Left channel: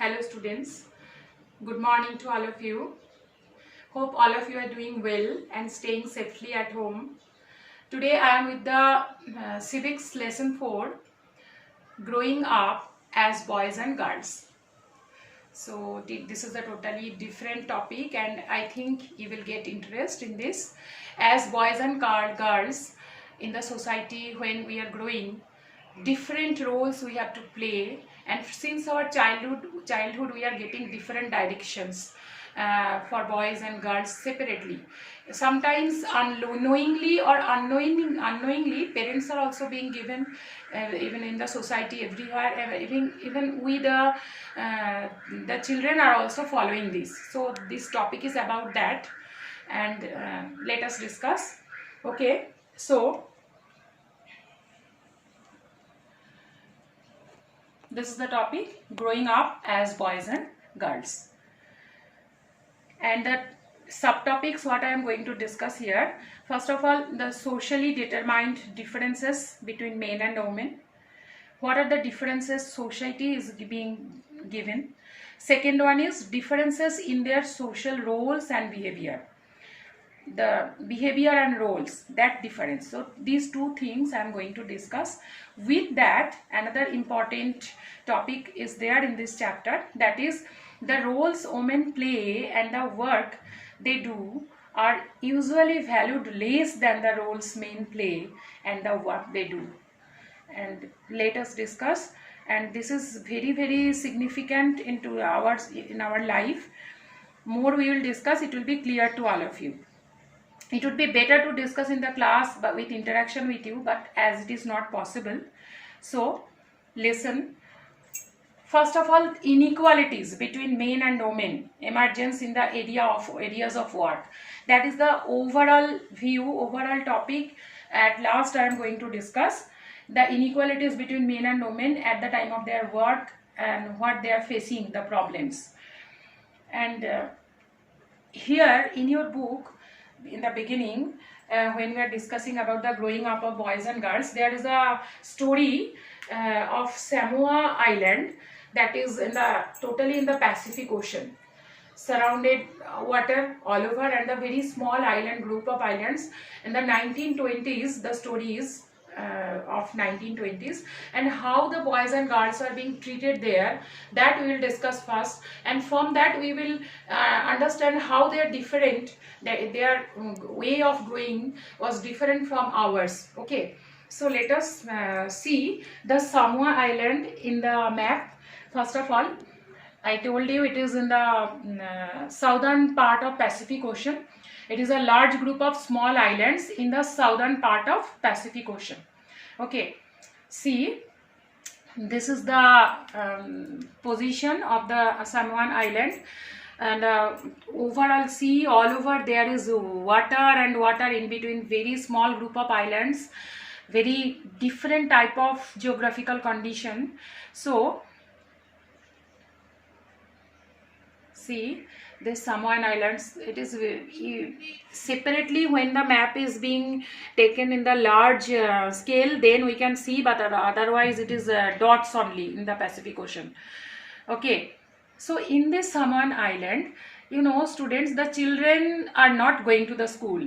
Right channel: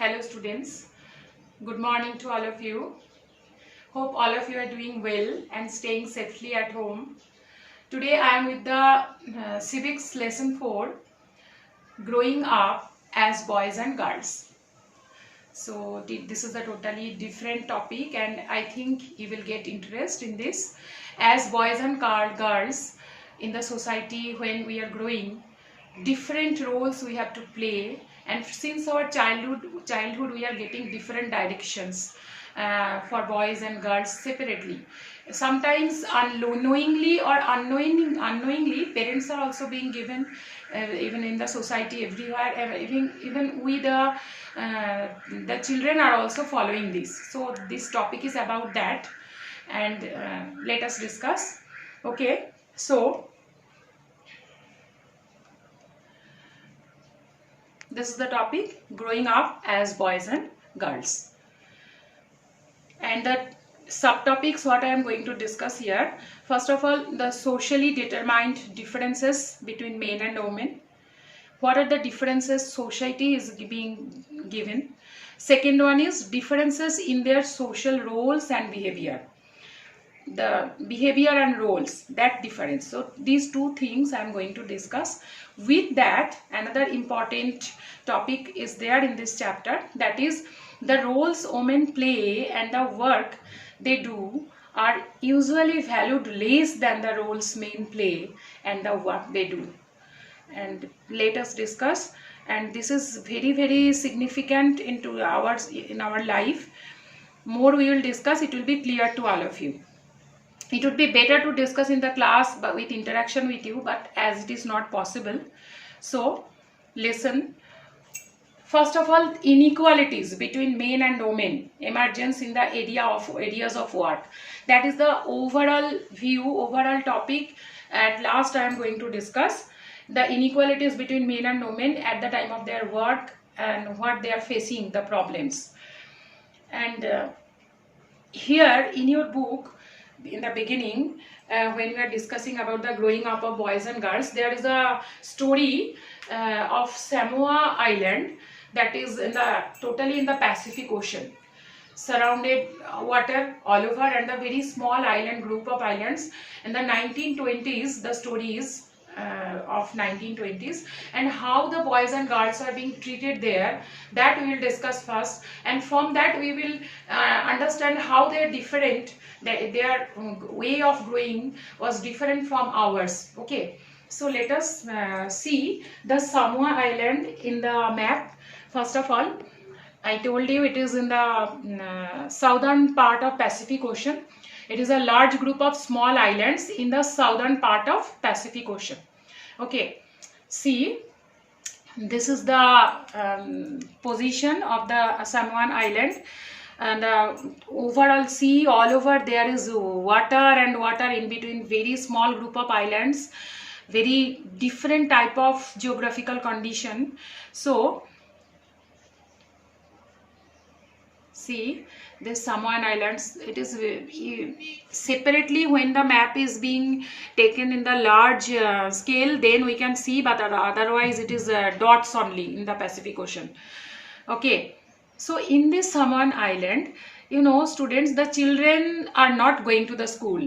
Hello students, good morning to all of you. Hope all of you are doing well and staying safely at home. Today I am with the civics lesson 4, growing up as boys and girls. So this is a totally different topic and I think you will get interest in this. As boys and girls in the society, when we are growing, different roles we have to play, and since our childhood we are getting different directions for boys and girls separately. Sometimes unknowingly or unknowingly parents are also being given, even in the society everywhere, even we the children are also following this. So this topic is about that, and let us discuss. Okay, so this is the topic, growing up as boys and girls. And the subtopics what I am going to discuss here. First of all, the socially determined differences between men and women. What are the differences society is being given? Second one is differences in their social roles and behavior. The behavior and roles, that difference. So these two things I am going to discuss. With that, another important topic is there in this chapter, that is the roles women play and the work they do are usually valued less than the roles men play and the work they do. And let us discuss, and this is very significant in our life. More we will discuss, it will be clear to all of you. It would be better to discuss in the class but with interaction with you, but as it is not possible, so listen. First of all, inequalities between men and women emergence in the areas of work. That is the overall view, overall topic. At last I am going to discuss the inequalities between men and women at the time of their work and what they are facing, the problems. And here in your book, in the beginning, when we are discussing about the growing up of boys and girls, there is a story of Samoa Island, that is totally in the Pacific Ocean, surrounded water all over, and a very small island group of islands. In the 1920s, the story is of 1920s, and how the boys and girls are being treated there, that we will discuss first, and from that we will understand how they are different, their way of growing was different from ours. Okay, so let us see the Samoa Island in the map. First of all, I told you it is in the southern part of Pacific Ocean. It is a large group of small islands in the southern part of Pacific Ocean. Okay, see, this is the position of the Samoan Island, and overall see all over there is water and water in between, very small group of islands, very different type of geographical condition. So see this Samoan Islands, it is separately when the map is being taken in the large scale, then we can see, but otherwise it is dots only in the Pacific Ocean. Okay, so in this Samoan Island, you know students, the children are not going to the school.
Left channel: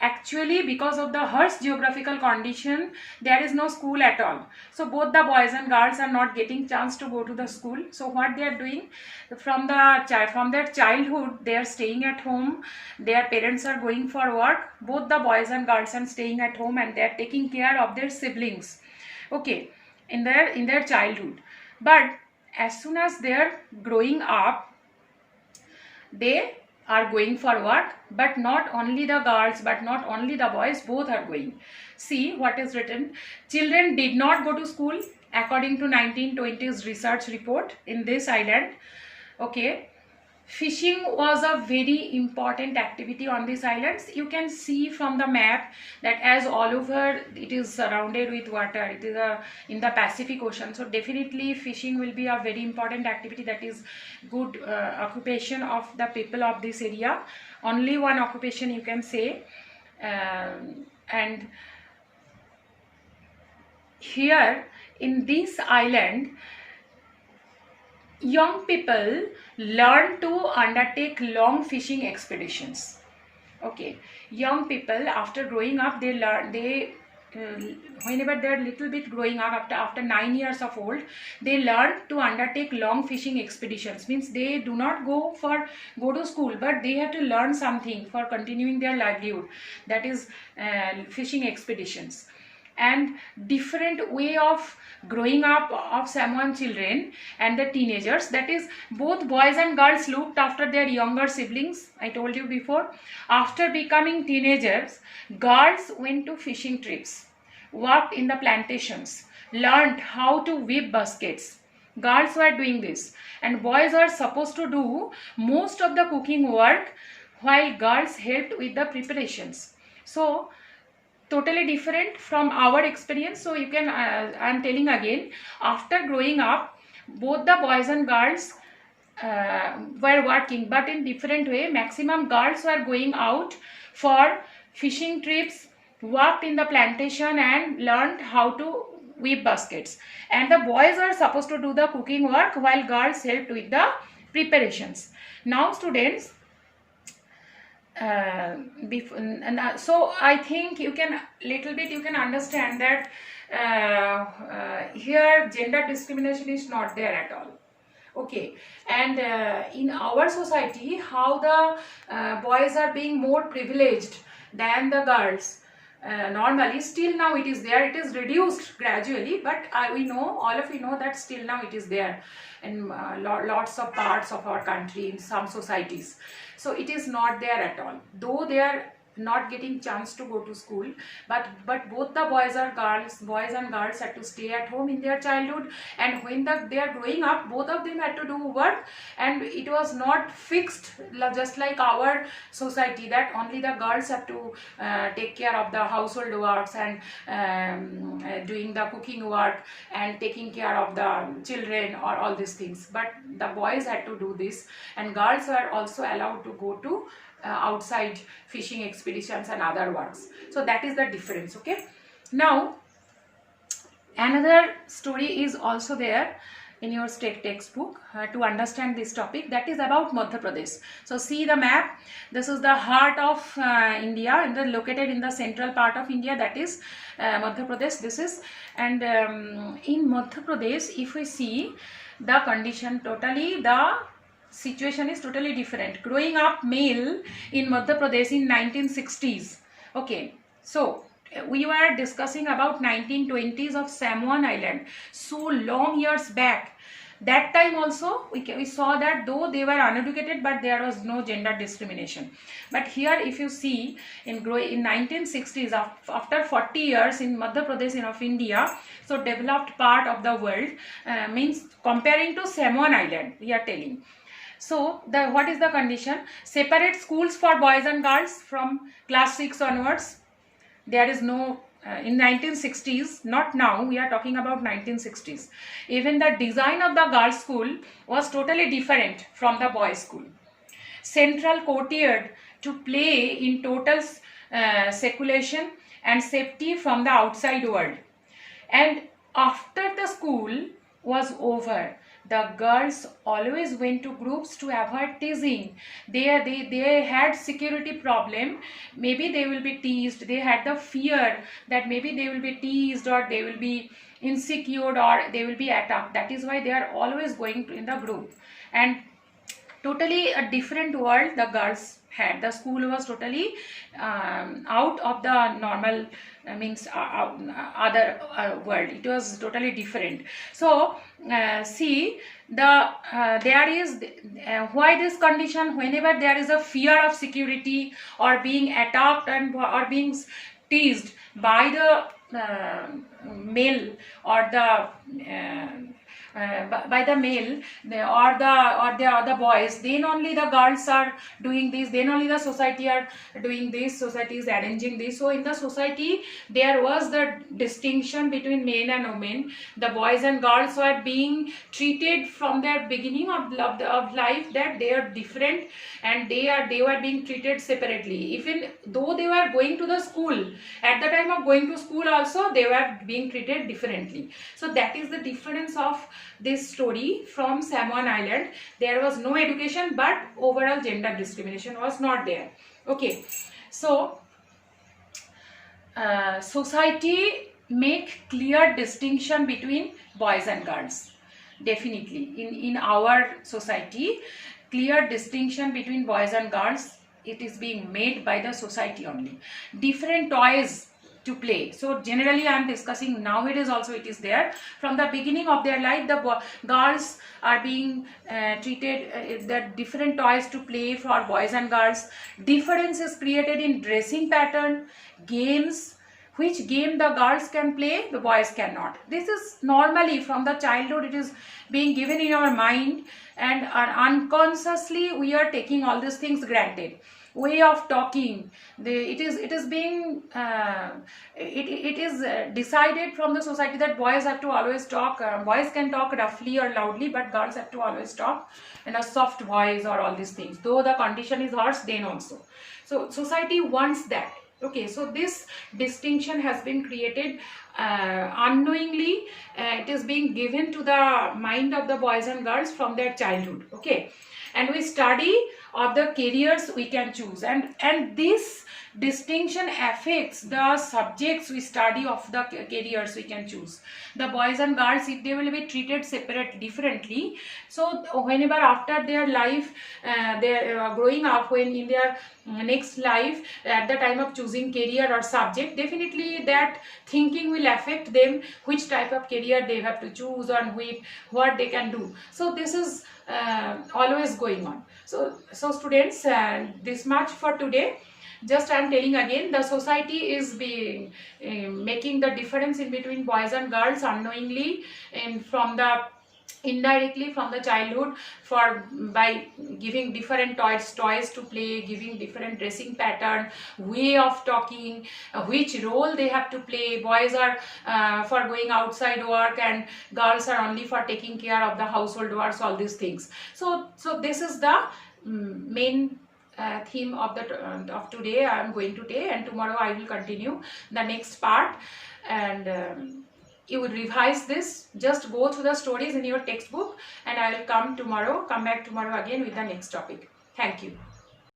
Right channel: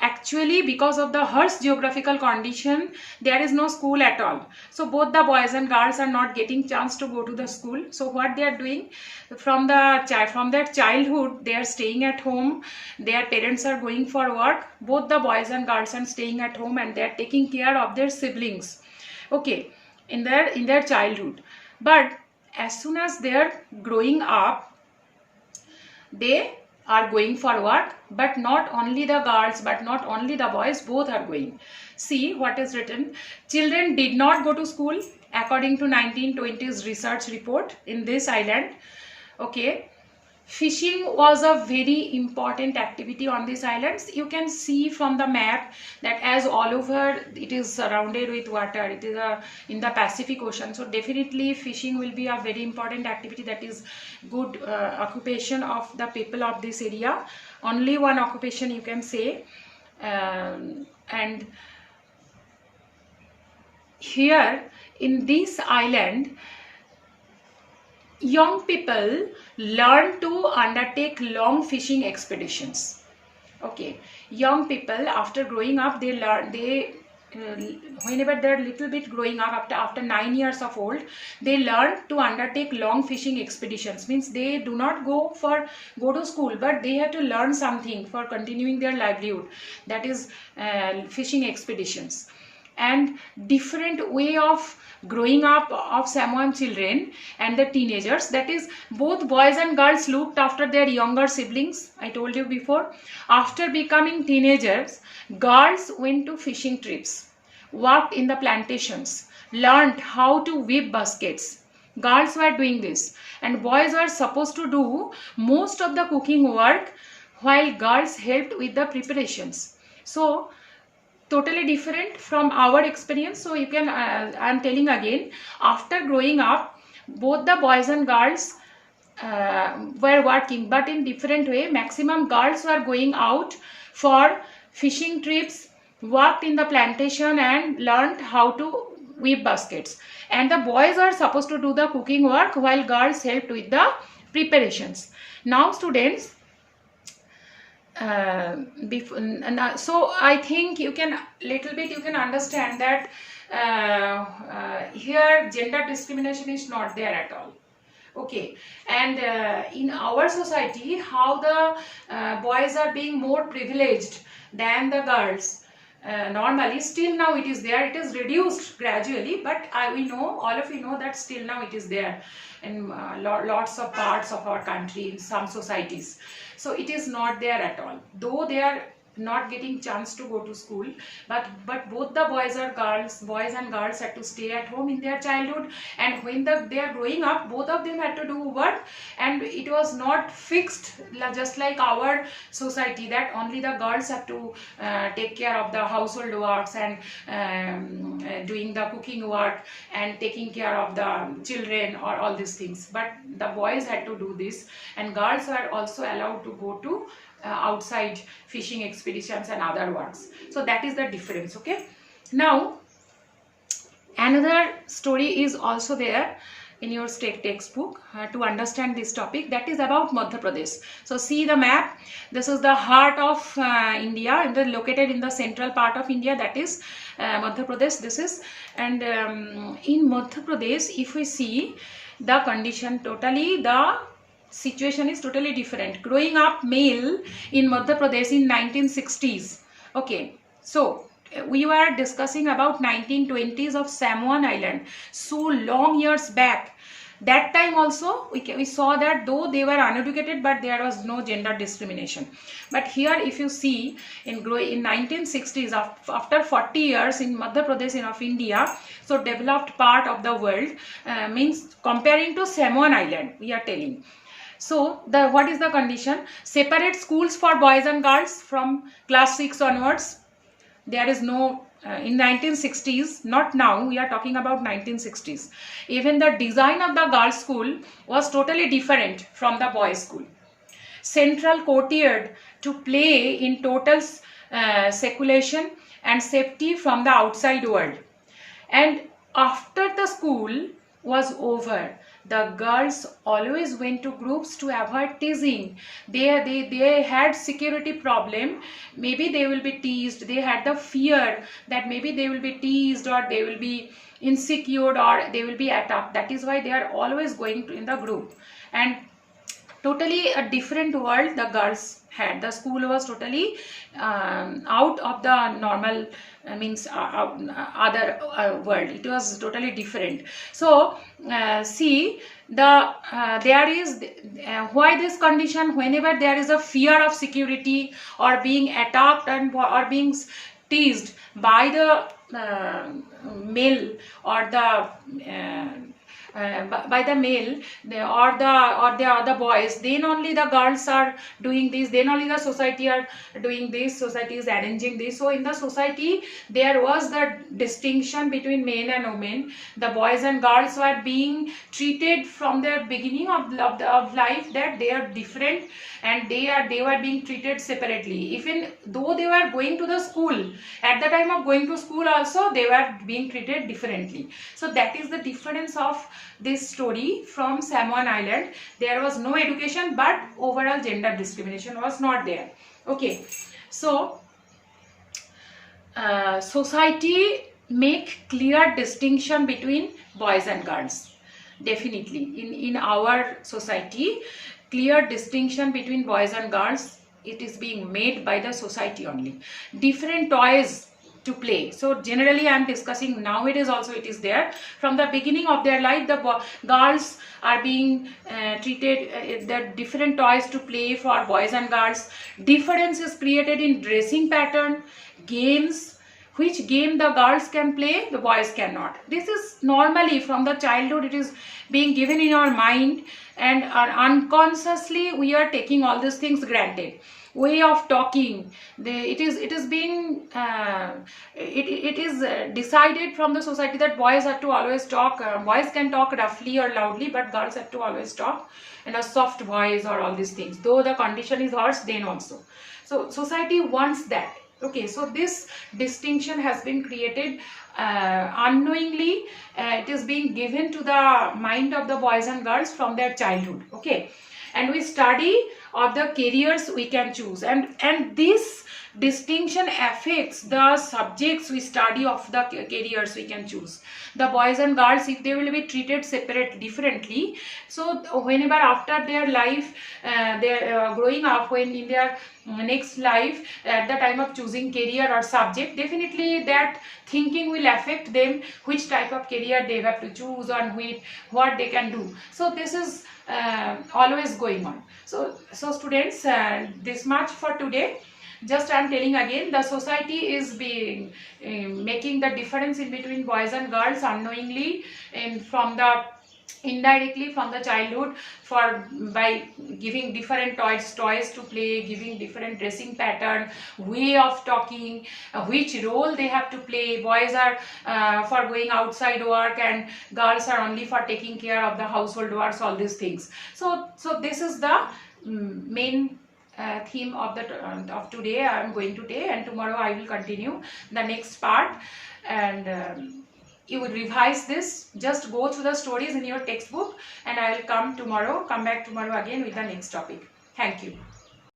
Actually, because of the harsh geographical condition, there is no school at all. So both the boys and girls are not getting chance to go to the school. So what they are doing, from their childhood, they are staying at home. Their parents are going for work. Both the boys and girls are staying at home, and they are taking care of their siblings. Okay, in their childhood. But as soon as they are growing up, they are going for work, but not only the girls, but not only the boys, both are going. See what is written. Children did not go to school according to 1920s research report in this island. Okay, fishing was a very important activity on these islands. You can see from the map that as all over it is surrounded with water, it is in the Pacific Ocean, so definitely fishing will be a very important activity. That is good occupation of the people of this area, only one occupation you can say. And here in this island, young people learn to undertake long fishing expeditions. Okay, young people after growing up, they learn, uh, whenever they're little bit growing up, after 9 years of old, they learn to undertake long fishing expeditions. Means they do not go to school, but they have to learn something for continuing their livelihood, that is fishing expeditions. And different way of growing up of Samoan children and the teenagers, that is both boys and girls looked after their younger siblings. I told you before, after becoming teenagers, girls went to fishing trips, worked in the plantations, learned how to weave baskets. Girls were doing this, and boys were supposed to do most of the cooking work, while girls helped with the preparations. So totally different from our experience. So you can I'm telling again, after growing up, both the boys and girls were working, but in different way. Maximum girls were going out for fishing trips, worked in the plantation and learned how to weave baskets, and the boys are supposed to do the cooking work while girls helped with the preparations. Now students, so I think you can little bit you can understand that here gender discrimination is not there at all. Okay, and in our society, how the boys are being more privileged than the girls. Normally, still now it is there. It is reduced gradually, but we know, all of you know, that still now it is there in lots of parts of our country, in some societies. So it is not there at all, though they are not getting chance to go to school, but both the boys and girls had to stay at home in their childhood, and when they are growing up, both of them had to do work, and it was not fixed just like our society, that only the girls have to take care of the household works and doing the cooking work and taking care of the children or all these things, but the boys had to do this, and girls were also allowed to go to outside fishing expeditions and other works. So that is the difference. Okay, now another story is also there in your state textbook to understand this topic, that is about Madhya Pradesh. So see the map. This is the heart of India, and located in the central part of India, that is Madhya Pradesh. This is, and in Madhya Pradesh, if we see the condition, totally the situation is totally different. Growing up male in Madhya Pradesh in 1960s. Okay, so we were discussing about 1920s of Samoan Island, so long years back. That time also we saw that though they were uneducated, but there was no gender discrimination. But here if you see in 1960s, after 40 years in Madhya Pradesh of India, so developed part of the world, means comparing to Samoan Island, we are telling. So what is the condition? Separate schools for boys and girls from class 6 onwards. There is no in 1960s, not now, we are talking about 1960s. Even the design of the girls' school was totally different from the boys' school. Central courtyard to play in total seclusion and safety from the outside world. And after the school was over, the girls always went to groups to avoid teasing. They had security problem. Maybe they will be teased. They had the fear that maybe they will be teased, or they will be insecure, or they will be attacked. That is why they are always going in the group. And totally a different world the girls had. The school was totally out of the normal means other world. It was totally different. So see the there is why this condition, whenever there is a fear of security or being attacked and or being teased by the male or the by the male or the boys, then only the girls are doing this, then only the society are doing this, society is arranging this. So in the society there was the distinction between men and women. The boys and girls were being treated from their beginning of life that they are different, and they were being treated separately. Even though they were going to the school, at the time of going to school also they were being treated differently. So that is the difference of this story from Samoan Island. There was no education, but overall gender discrimination was not there. Okay, so society make clear distinction between boys and girls. Definitely in our society, clear distinction between boys and girls, it is being made by the society only. Different toys to play. So generally I am discussing nowadays also it is there. From the beginning of their life, the girls are being treated, the different toys to play for boys and girls. Difference is created in dressing pattern, games. Which game the girls can play, the boys cannot. This is normally from the childhood, it is being given in our mind, and unconsciously we are taking all these things granted. Way of talking, it is being decided from the society that boys have to always talk, boys can talk roughly or loudly, but girls have to always talk in a soft voice or all these things, though the condition is worse then also. So society wants that. Okay, so this distinction has been created unknowingly. It is being given to the mind of the boys and girls from their childhood. Okay, and we study of the careers we can choose, and this distinction affects the subjects we study of the careers we can choose. The boys and girls, if they will be treated separate differently, so whenever after their life, they're growing up, when in their next life, at the time of choosing career or subject, definitely that thinking will affect them, which type of career they have to choose and what they can do. So this is always going on. So students, this much for today. Just I am telling again, the society is being making the difference in between boys and girls unknowingly, and from the indirectly from the childhood, by giving different toys to play, giving different dressing pattern, way of talking, which role they have to play. Boys are for going outside work, and girls are only for taking care of the household works, all these things. So this is the main theme of today I am going to take, and tomorrow I will continue the next part. And you will revise this, just go through the stories in your textbook, and I will come back tomorrow again with the next topic. Thank you.